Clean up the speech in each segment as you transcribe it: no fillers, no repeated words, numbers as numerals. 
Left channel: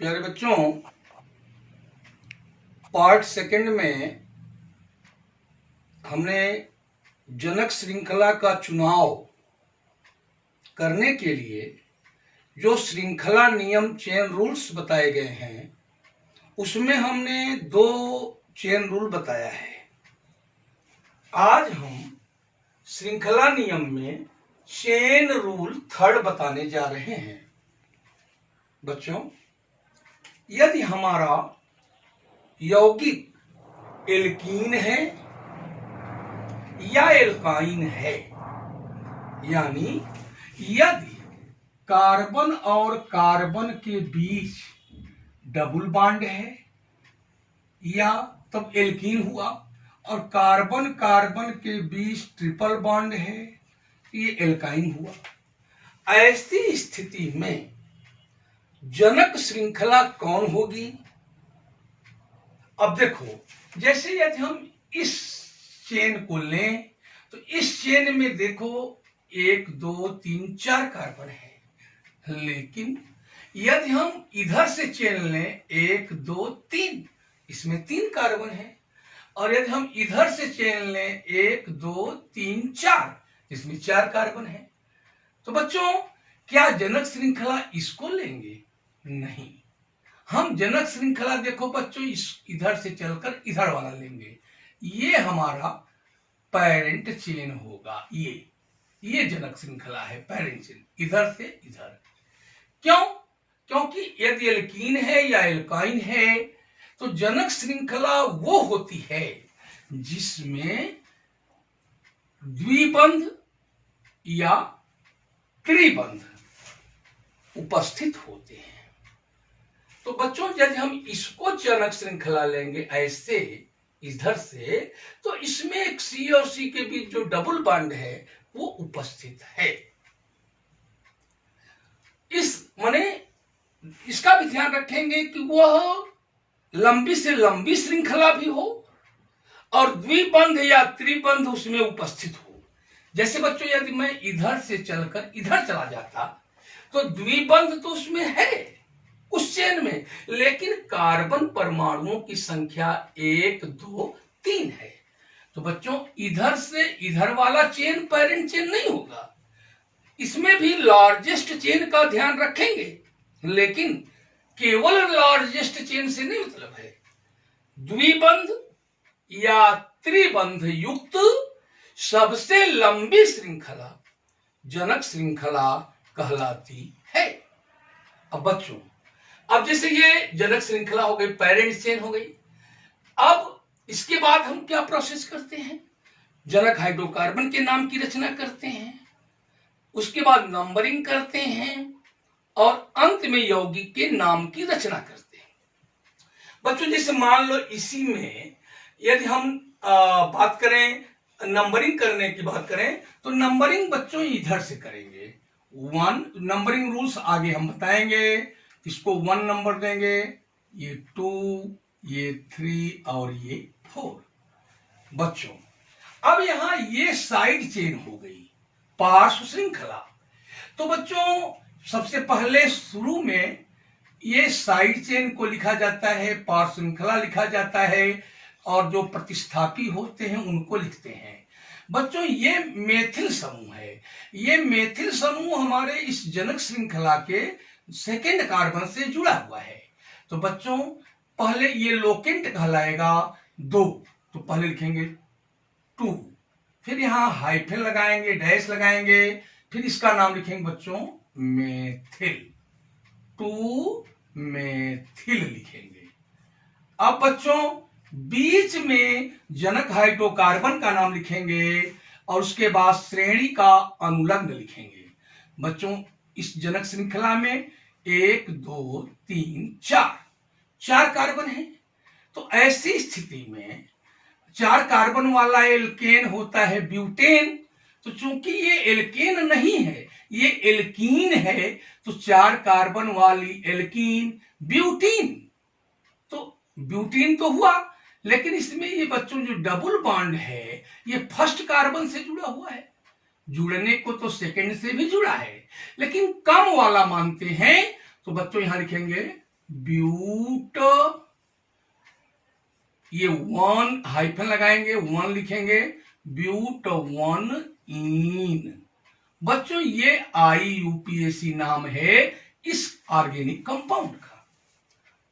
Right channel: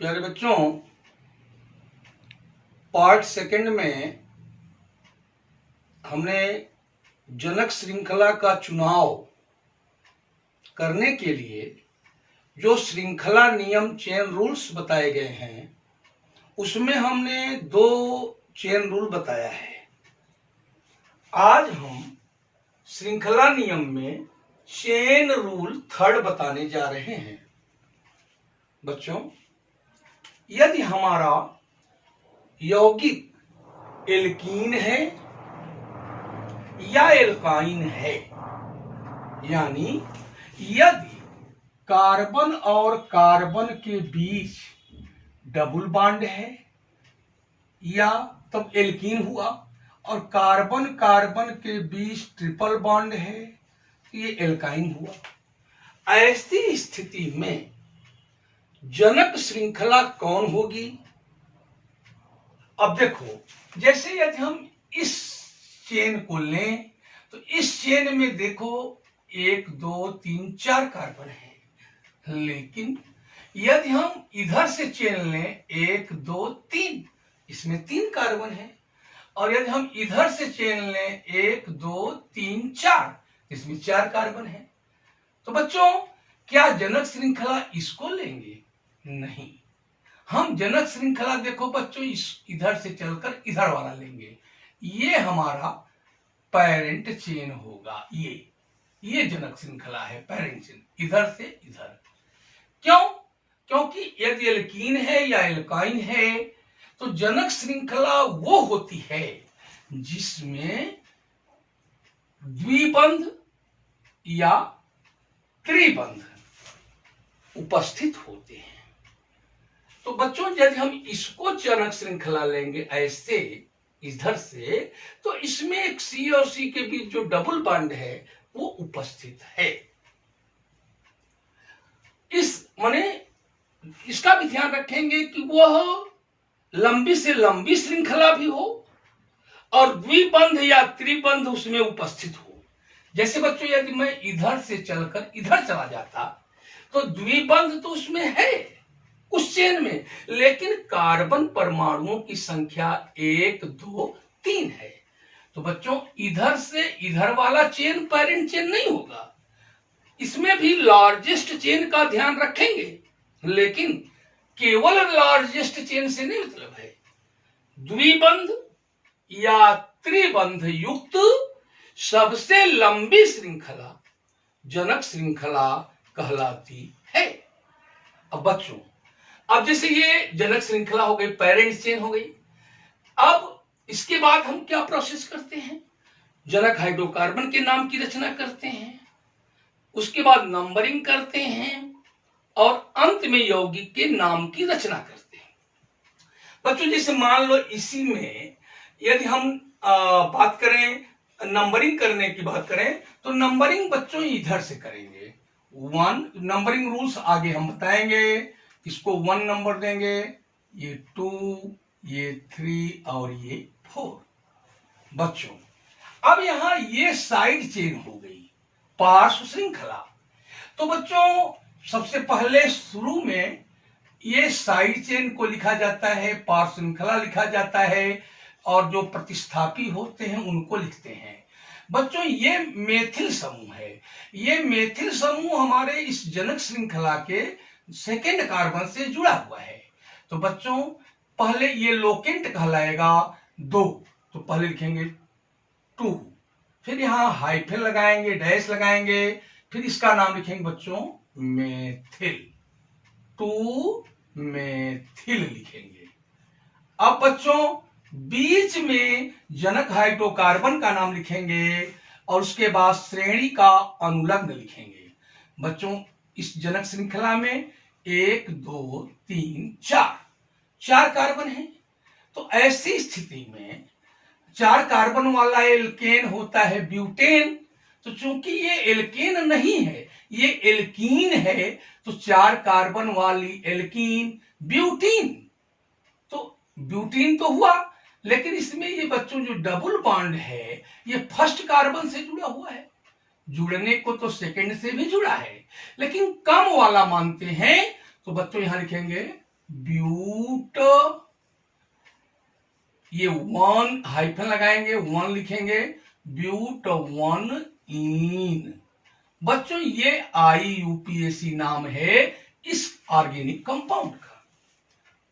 प्यारे बच्चों, part second में हमने जनक श्रृंखला का चुनाव करने के लिए जो श्रृंखला नियम चेन रूल्स बताए गए हैं उसमें हमने 2 चेन रूल बताया है। आज हम श्रृंखला नियम में चेन रूल 3rd बताने जा रहे हैं। बच्चों, यदि हमारा यौगिक एल्कीन है या एल्काइन है, यानी यदि कार्बन और कार्बन के बीच डबल बॉन्ड है या तब एल्कीन हुआ, और कार्बन कार्बन के बीच ट्रिपल बॉन्ड है तो ये एल्काइन हुआ। ऐसी स्थिति में जनक श्रृंखला कौन होगी? अब देखो, जैसे यदि हम इस चेन को लें तो इस चेन में देखो 1 2 3 4 कार्बन है, लेकिन यदि हम इधर से चेन लें 1 2 3, इसमें 3 कार्बन है, और यदि हम इधर से चेन लें 1 2 3 4, इसमें 4 कार्बन है। तो बच्चों, क्या जनक श्रृंखला इसको लेंगे? नहीं, हम जनक श्रृंखला देखो बच्चों इधर से चलकर इधर वाला लेंगे। ये हमारा पेरेंट चेन होगा। ये जनक श्रृंखला है, पेरेंट चेन, इधर से इधर। क्यों? क्योंकि यदि एल्कीन है या एल्काइन है तो जनक श्रृंखला वो होती है जिसमें द्विबंध या त्रिबंध उपस्थित होते हैं। तो बच्चों, यदि हम इसको जनक श्रृंखला लेंगे ऐसे इधर से, तो इसमें एक C और C के बीच जो डबल बॉन्ड है वो उपस्थित है। इसका भी ध्यान रखेंगे कि वह लंबी से लंबी श्रृंखला भी हो और द्विबंध या त्रिबंध उसमें उपस्थित हो। जैसे बच्चों, यदि मैं इधर से चलकर इधर चला जाता तो द्विबंध तो उसमें है उस चेन में, लेकिन कार्बन परमाणुओं की संख्या 1 2 3 है। तो बच्चों, इधर से इधर वाला चेन पेरेंट चेन नहीं होगा। इसमें भी लार्जेस्ट चेन का ध्यान रखेंगे, लेकिन केवल लार्जेस्ट चेन से नहीं मतलब है। द्विबंध या त्रिबंध युक्त सबसे लंबी श्रृंखला जनक श्रृंखला कहलाती है। अब बच्चों, अब जैसे ये जनक श्रृंखला हो गई, पेरेंट चेन हो गई, अब इसके बाद हम क्या प्रोसेस करते हैं? जनक हाइड्रोकार्बन के नाम की रचना करते हैं, उसके बाद नंबरिंग करते हैं और अंत में यौगिक के नाम की रचना करते हैं। बच्चों, जैसे मान लो इसी में यदि हम बात करें, नंबरिंग करने की बात करें, तो नंबरिंग बच्चों इधर से करेंगे। 1 नंबरिंग रूल्स आगे हम बताएंगे। इसको 1 नंबर देंगे, ये 2, ये 3 और ये 4। बच्चों, अब यहां ये साइड चेन हो गई, पार्श्व श्रृंखला। तो बच्चों, सबसे पहले शुरू में ये साइड चेन को लिखा जाता है, पार्श्व श्रृंखला लिखा जाता है, और जो प्रतिस्थापी होते हैं उनको लिखते हैं। बच्चों, ये मेथिल समूह है। ये मेथिल समूह हमारे इस जनक श्रृंखला के सेकेंड कार्बन से जुड़ा हुआ है। तो बच्चों, पहले ये लोकेंट कहलाएगा 2, तो पहले लिखेंगे 2, फिर यहां हाइफन लगाएंगे, डैश लगाएंगे, फिर इसका नाम लिखेंगे बच्चों मेथिल, 2 मेथिल लिखेंगे। अब बच्चों, बीच में जनक हाइड्रोकार्बन का नाम लिखेंगे और उसके बाद श्रेणी का अनुलग्न लिखेंगे। बच्चों, इस जनक श्रृंखला में 1 2 3 4 कार्बन है। तो ऐसी स्थिति में 4 कार्बन वाला एल्केन होता है ब्यूटेन। तो चूंकि ये एल्केन नहीं है, ये एल्कीन है, तो 4 कार्बन वाली एल्कीन ब्यूटीन। तो ब्यूटीन तो हुआ, लेकिन इसमें ये बच्चों जो डबल बॉन्ड है ये फर्स्ट कार्बन से जुड़ा हुआ है। जुड़ने को तो सेकंड से भी जुड़ा है, लेकिन कम वाला मानते हैं, तो बच्चों यहां लिखेंगे ब्यूट, ये वन हाइफन लगाएंगे, वन लिखेंगे, ब्यूट वन इन। बच्चों ये IUPAC नाम है इस ऑर्गेनिक कंपाउंड का।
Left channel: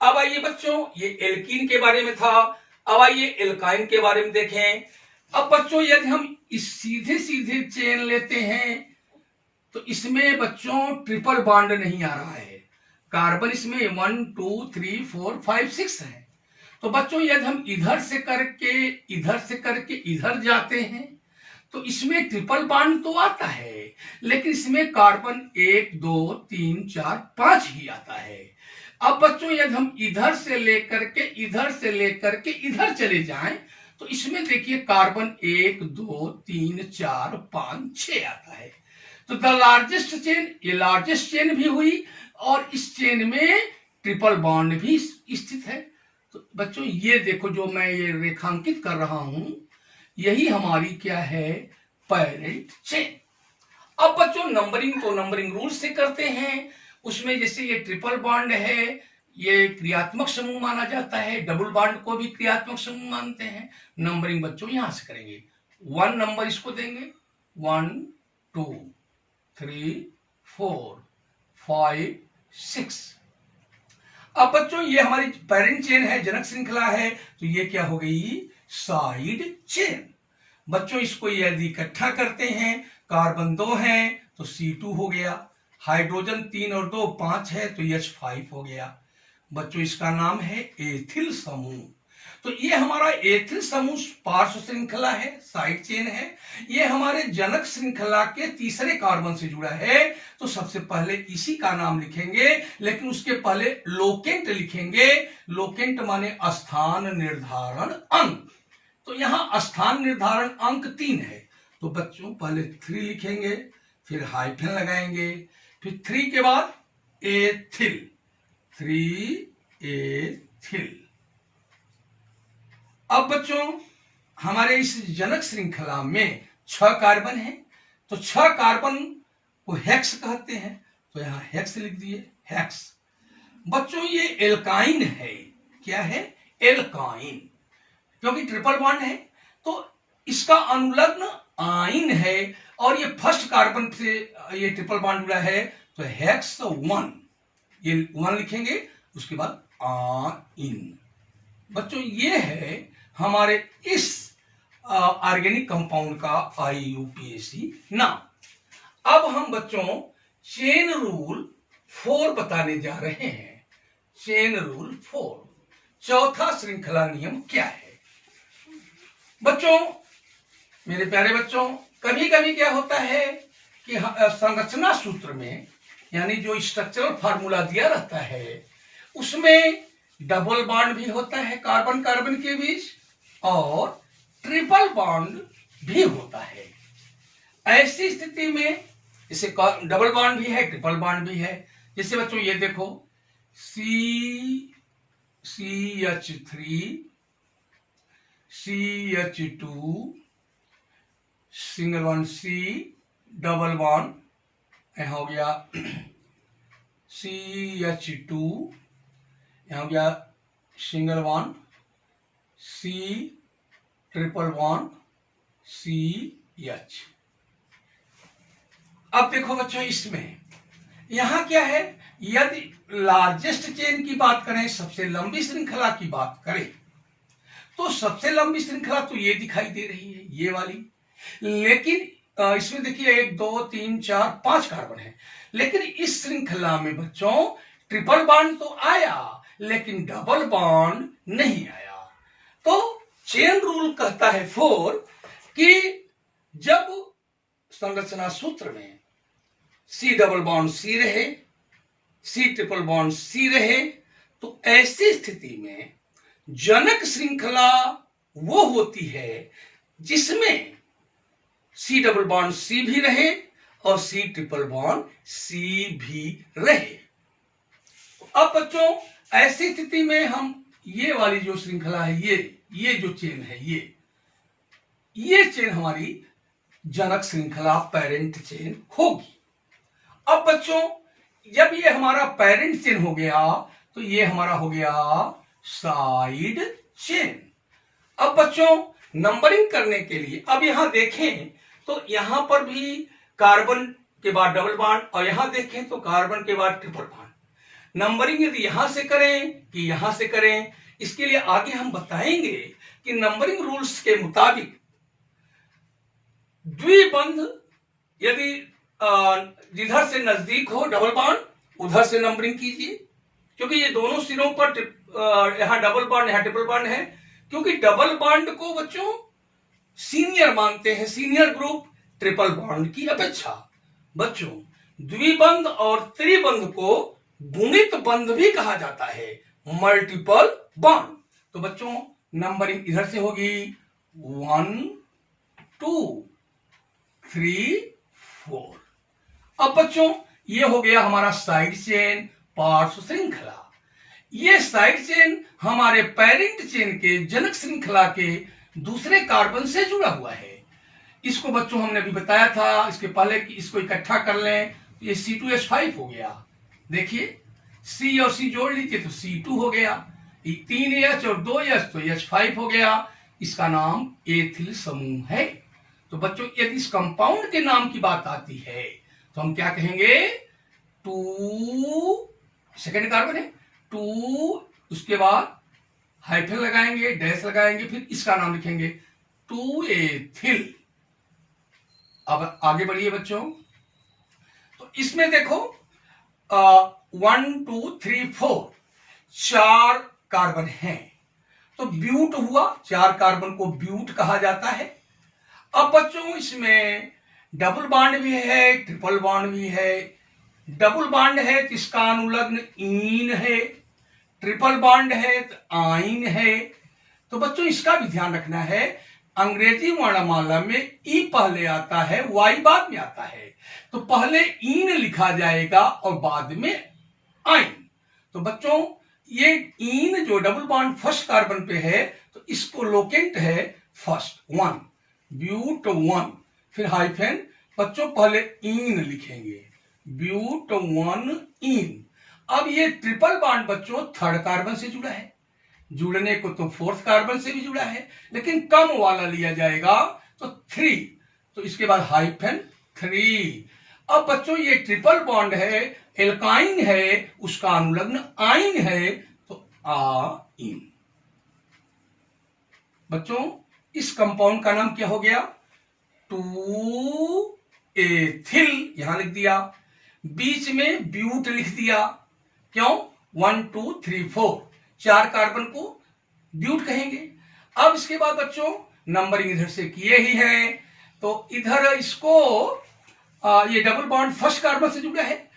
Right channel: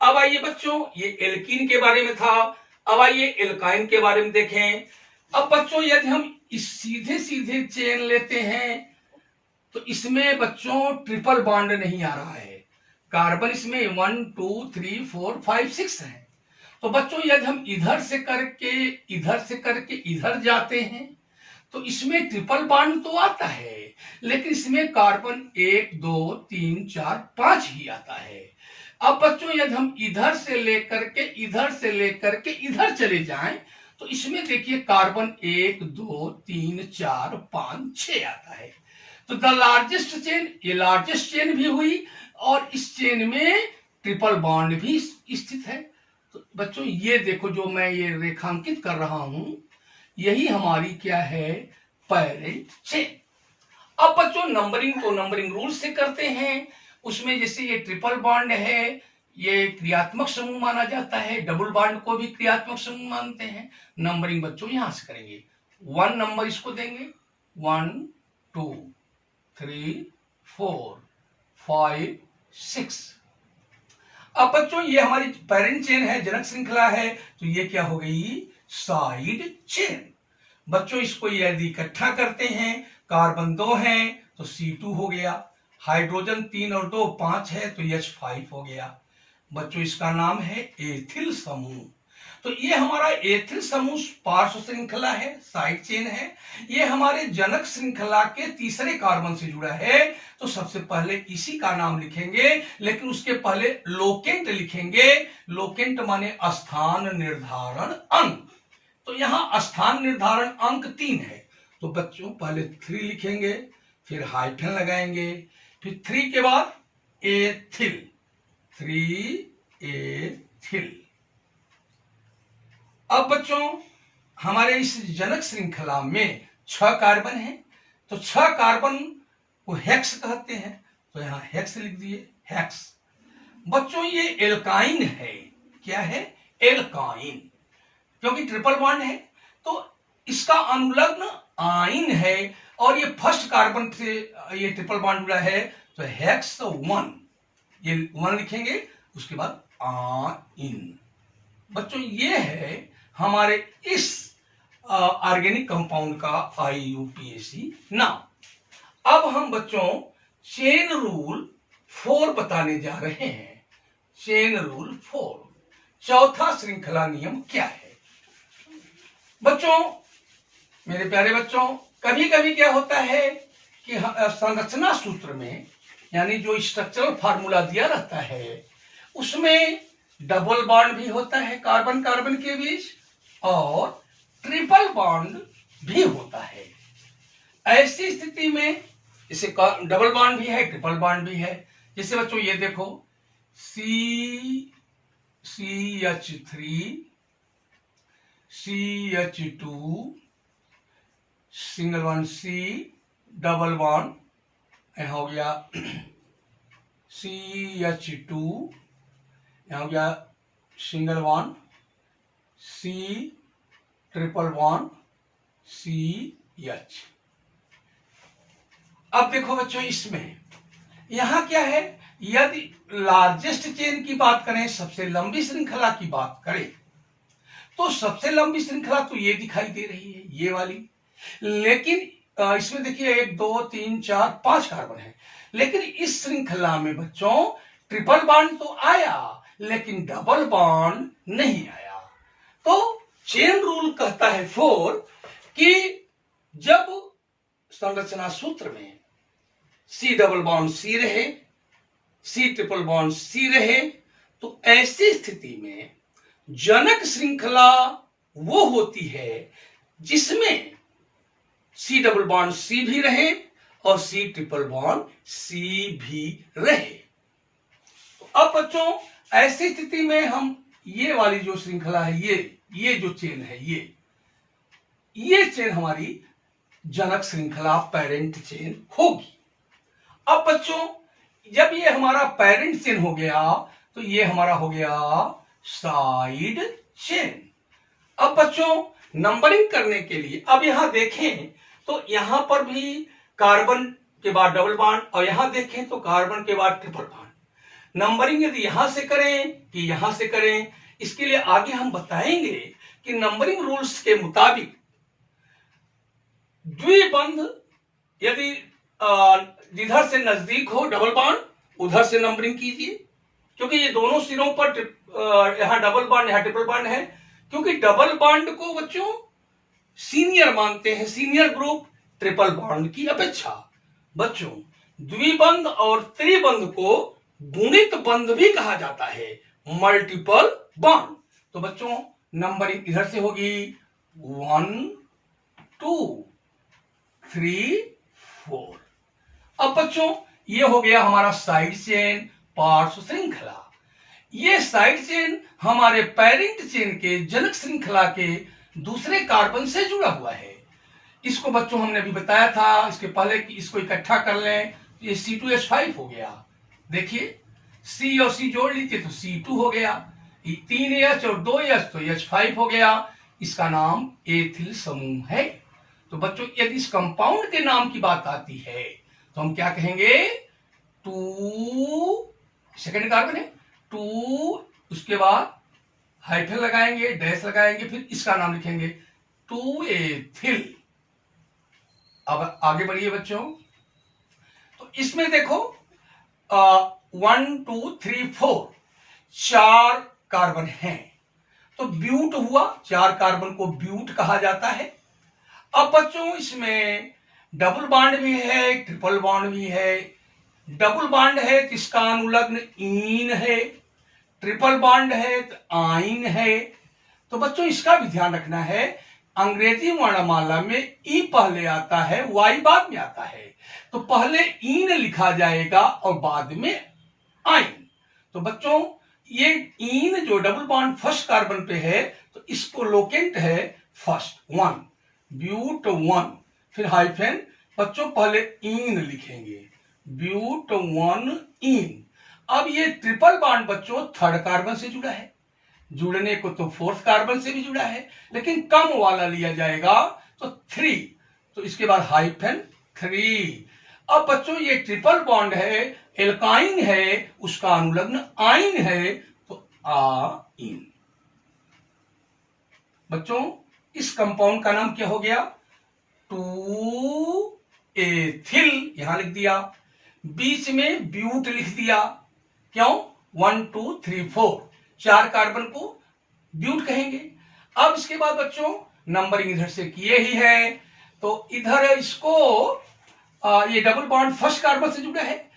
अब आइए बच्चों, ये एल्कीन के बारे में था, अब आइए एल्काइन के बारे में देखें। अब बच्चों यदि हम इस सीधे सीधे चेन लेते हैं तो इसमें बच्चों ट्रिपल बॉन्ड नहीं आ रहा है, कार्बन इसमें 1 2 3 4 5 6 है। तो बच्चों यदि हम इधर से करके इधर जाते हैं तो इसमें ट्रिपल बॉन्ड तो आता है, लेकिन इसमें कार्बन 1 2 3 4 5 ही आता है। अब बच्चों यदि हम इधर से लेकर के इधर चले जाएं तो इसमें देखिए कार्बन 1 2 3 4 5 6 आता है। तो द लार्जेस्ट चेन, ये लार्जेस्ट चेन भी हुई और इस चेन में ट्रिपल बॉन्ड भी स्थित है। तो बच्चों ये देखो जो मैं ये रेखांकित कर रहा हूं, यही हमारी क्या है, पैरेंट चेन। अब बच्चों नंबरिंग तो नंबरिंग रूल से करते हैं, उसमें जैसे ये ट्रिपल बॉन्ड है ये क्रियात्मक समूह माना जाता है, डबल बॉन्ड को भी क्रियात्मक समूह मानते हैं। नंबरिंग बच्चों यहां से करेंगे, 1 नंबर इसको देंगे, 1 2 3 4 5 6। अब बच्चों ये हमारी पेरेंट चेन है, जनक श्रृंखला है, तो ये क्या हो गई, साइड चेन। बच्चों इसको यदि इकट्ठा करते हैं, कार्बन 2 है तो C2 हो गया, हाइड्रोजन 3 और 2 5 है तो H5 हो गया। बच्चों इसका नाम है एथिल समूह। तो ये हमारा एथिल समूह पार्श्व श्रृंखला है, साइड चेन है। ये हमारे जनक श्रृंखला के तीसरे कार्बन से जुड़ा है, तो सबसे पहले इसी का नाम लिखेंगे, लेकिन उसके पहले लोकेंट लिखेंगे। लोकेंट माने स्थान निर्धारण अंक। तो यहां स्थान निर्धारण अंक 3 है, तो बच्चों पहले 3 लिखेंगे, फिर हाइफन लगाएंगे, फिर 3 के बाद एथिल, 3 एथिल। अब बच्चों हमारे इस जनक श्रृंखला में 6 कार्बन है, तो 6 कार्बन को हेक्स कहते हैं, तो यहां हेक्स लिख दिए, हेक्स। बच्चों ये एल्काइन है, क्या है, एल्काइन, क्योंकि ट्रिपल बॉन्ड है तो इसका अनुलग्न आइन है, और ये फर्स्ट कार्बन से ये ट्रिपल बॉन्ड जुड़ा है, तो हेक्स 1, ये 1 लिखेंगे, उसके बाद आइन। बच्चों ये है हमारे इस ऑर्गेनिक कंपाउंड का IUPAC नाम। अब हम बच्चों चेन रूल 4 बताने जा रहे हैं। चेन रूल 4, चौथा श्रृंखला नियम क्या है। बच्चों मेरे प्यारे बच्चों, कभी कभी क्या होता है कि संरचना सूत्र में, यानी जो स्ट्रक्चरल फार्मूला दिया रहता है, उसमें डबल बॉन्ड भी होता है कार्बन कार्बन के बीच, और ट्रिपल बॉन्ड भी होता है। ऐसी स्थिति में जैसे डबल बॉन्ड भी है, ट्रिपल बॉन्ड भी है। जैसे बच्चों ये देखो, CH3 CH2 single bond C, double bond यहां हो गया CH2, यहां हो गया single bond C, triple bond CH। अब देखो बच्चों इसमें यहां क्या है, यदि लार्जेस्ट चेन की बात करें, सबसे लंबी श्रृंखला की बात करें, तो सबसे लंबी श्रृंखला तो ये दिखाई दे रही है, ये वाली। लेकिन इसमें देखिए 1 2 3 4 5 कार्बन है, लेकिन इस श्रृंखला में बच्चों ट्रिपल बॉन्ड तो आया, लेकिन डबल बॉन्ड नहीं आया। तो चेन रूल कहता है 4 कि जब संरचना सूत्र में C डबल बॉन्ड C रहे, C ट्रिपल बॉन्ड C रहे, तो ऐसी स्थिति में जनक श्रृंखला वो होती है जिसमें C डबल बॉन्ड C भी रहे और C ट्रिपल बॉन्ड C भी रहे। तो अब बच्चों ऐसी स्थिति में हम ये वाली जो श्रृंखला है, ये जो चेन है, ये चेन हमारी जनक श्रृंखला पेरेंट चेन होगी। अब बच्चों जब ये हमारा पेरेंट चेन हो गया, तो ये हमारा हो गया साइड चेन। अब बच्चों नंबरिंग करने के लिए अब यहां देखें तो यहां पर भी कार्बन के बाद डबल बॉन्ड और यहां देखें तो कार्बन के बाद ट्रिपल बॉन्ड। नंबरिंग यदि यहां से करें कि यहां से करें, इसके लिए आगे हम बताएंगे कि नंबरिंग रूल्स के मुताबिक द्विबंध यदि जिधर से नजदीक हो डबल बॉन्ड उधर से नंबरिंग कीजिए, क्योंकि ये दोनों सिरों पर यहां डबल बॉन्ड यहां ट्रिपल बॉन्ड है, क्योंकि डबल बॉन्ड को बच्चों सीनियर मानते हैं, सीनियर ग्रुप ट्रिपल बॉन्ड की अपेक्षा। बच्चों द्विबंध और त्रिबंध को गुणित बंध भी कहा जाता है, मल्टीपल बॉन्ड। तो बच्चों नंबरिंग इधर से होगी 1 2 3 4। अब बच्चों ये हो गया हमारा साइड चेन, पार्श्व श्रृंखला। ये साइड चेन हमारे पेरेंट चेन के जनक श्रृंखला के दूसरे कार्बन से जुड़ा हुआ है। इसको बच्चों हमने अभी बताया था इसके पहले कि इसको इकट्ठा कर लें तो ये C2H5 हो गया। देखिए C और C जोड़ लीजिए तो C2 हो गया, 3H और 2H तो H5 हो गया। इसका नाम एथिल समूह है। तो बच्चों यदि इस कंपाउंड के नाम की बात आती है तो हम क्या कहेंगे, 2 सेकेंड कार्बन है 2, उसके बाद हाइफन लगाएंगे, डैश लगाएंगे, फिर इसका नाम लिखेंगे 2 एथिल। अब आगे बढ़िए बच्चों, तो इसमें देखो 1 2 3 4 4 कार्बन हैं, तो ब्यूट हुआ, 4 कार्बन को ब्यूट कहा जाता है। अब बच्चों इसमें डबल बॉन्ड भी है, ट्रिपल बॉन्ड भी है। डबल बॉन्ड है तो इसका अनुलग्न ईन है, ट्रिपल बॉन्ड है तो आइन है। तो बच्चों इसका भी ध्यान रखना है, अंग्रेजी वर्णमाला में ई पहले आता है, वाई बाद में आता है, तो पहले ईन लिखा जाएगा और बाद में आइन। तो बच्चों ये ईन जो डबल बॉन्ड फर्स्ट कार्बन पे है तो इसको लोकेंट है फर्स्ट 1 ब्यूट 1, फिर हाइफन, बच्चों पहले ईन लिखेंगे ब्यूट 1 ईन। अब ये ट्रिपल बॉन्ड बच्चों थर्ड कार्बन से जुड़ा है, जुड़ने को तो फोर्थ कार्बन से भी जुड़ा है, लेकिन कम वाला लिया जाएगा तो 3, तो इसके बाद हाइफन 3। अब बच्चों ये ट्रिपल बॉन्ड है, एल्काइन है, उसका अनुलग्न आइन है तो आइन। बच्चों इस कंपाउंड का नाम क्या हो गया, 2 एथिल यहां लिख दिया, बीच में ब्यूट लिख दिया, क्यों 1 2 3 4 4 कार्बन को ब्यूट कहेंगे। अब इसके बाद बच्चों नंबरिंग इधर से किए ही है, तो इधर इसको ये डबल बॉन्ड फर्स्ट कार्बन से जुड़ा है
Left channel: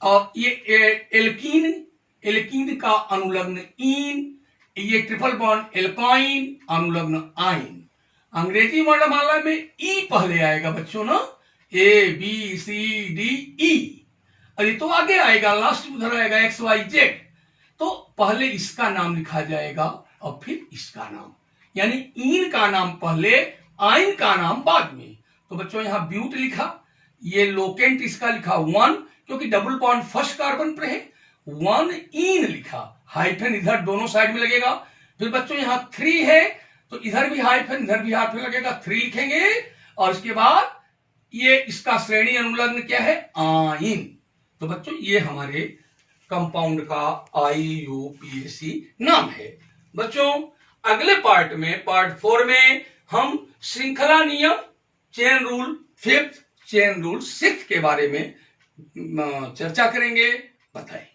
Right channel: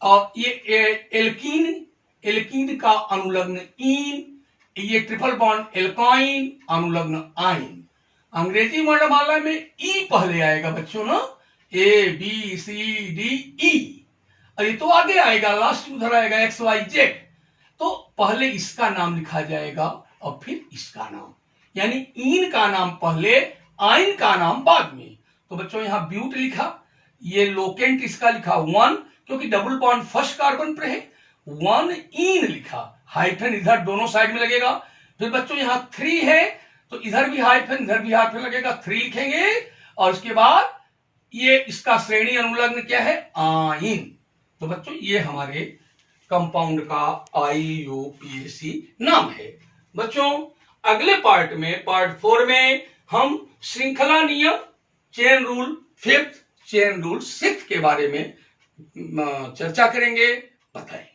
और ये एल्कीन का अनुलग्न ईन, ये ट्रिपल बॉन्ड एल्काइन अनुलग्न आइन। अंग्रेजी वर्णमाला में ई पहले आएगा बच्चों ना, ABCDE, और ये तो आगे आएगा, लास्ट उधर आएगा XYZ, तो पहले इसका नाम लिखा जाएगा और फिर इसका नाम, यानी ईन का नाम पहले, आइन का नाम बाद में। तो बच्चों यहां ब्यूट लिखा, ये लोकेंट इसका लिखा 1, क्योंकि डबल बॉन्ड फर्स्ट कार्बन पर है, 1 ईन लिखा, हाइफन इधर दोनों साइड में लगेगा। फिर बच्चों यहां 3 है तो इधर भी हाइफन इधर भी हाइफन लगेगा, 3 लिखेंगे, और इसके बाद ये इसका श्रेणी अनुलग्न क्या है, आइन। तो बच्चों ये हमारे कंपाउंड का IUPAC नाम है। बच्चों अगले पार्ट में, पार्ट 4 में हम श्रृंखला नियम, chain rule 5th, chain rule 6th के बारे में चर्चा करेंगे। बताएं।